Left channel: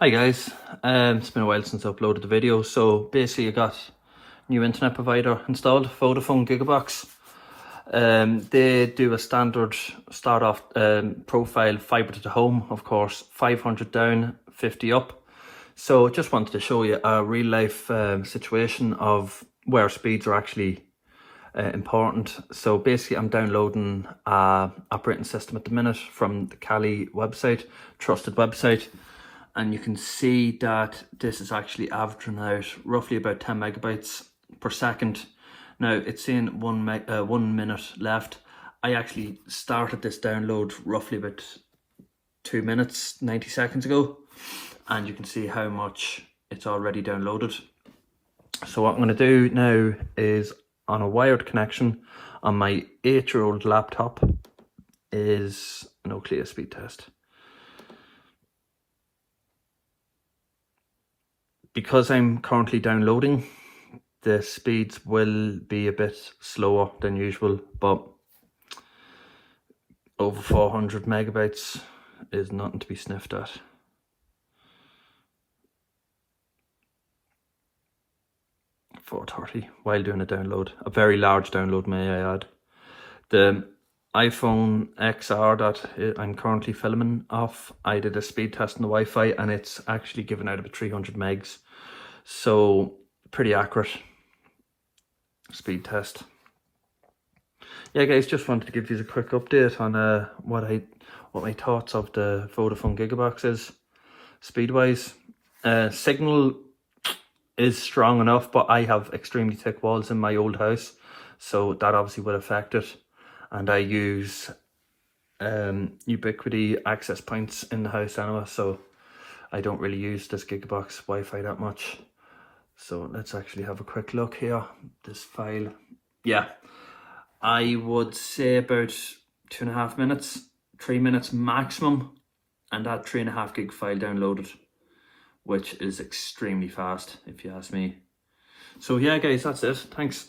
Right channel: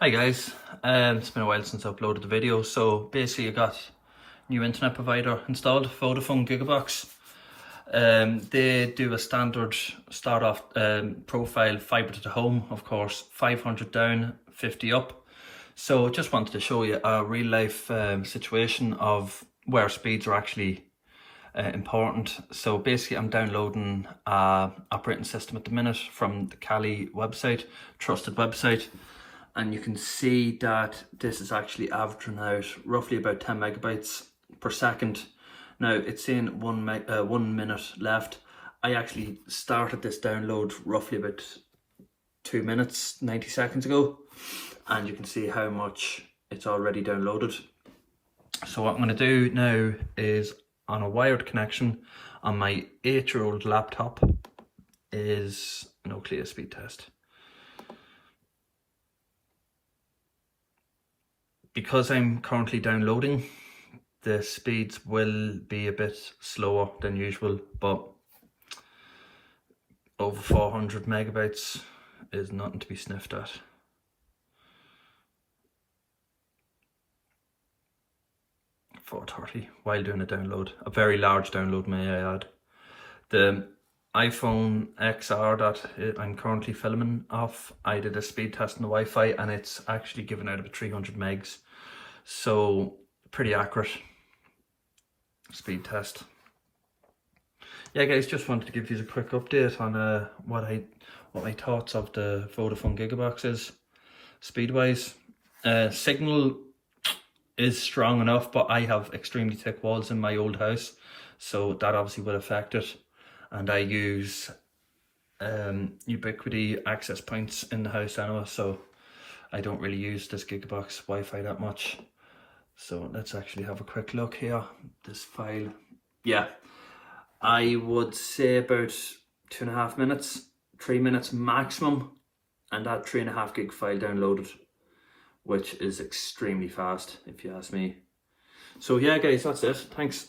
Hi guys, it's been a while since I uploaded the video. So basically I got new internet provider installed, Vodafone Gigabox. They do a standard start off profile fibre to the home, of course, 500 down, 50 up. So just wanted to show you a real life situation of where speeds are actually important. So basically I'm downloading a operating system at the minute from the Cali website, trusted website. And you can see that this is actually averaging out roughly about 10 megabytes per second. Now it's saying 1 minute left. I actually started this download roughly about 2 minutes, 90 seconds ago. And you can see how much it's already downloaded. So what I'm going to do now is, on a wired connection on my 8-year-old laptop, is an Oakley speed test. Because I'm currently downloading, the speeds will be a bit slower than usual, but over 400 megabytes is nothing to be sniffed at. .430 while doing a download, a very large download, may I add. The iPhone XR that I'm currently filming off, I did a speed test on the Wi-Fi and it's actually given out about 300 megs. So pretty accurate speed test. Yeah guys, just wanted to give you a quick update on what my thoughts of the Vodafone Gigabox is speed wise. Signal is strong enough, but I have extremely thick walls in my old house, so that obviously will affect it. And I use ubiquity access points in the house anyway, so I don't really use this Gigabox Wi-Fi that much. So let's actually have a quick look here. This file, yeah, I would say about 2.5 minutes, 3 minutes maximum, and that 3.5 gig file downloaded, which is extremely fast if you ask me. So yeah guys, that's it. Thanks.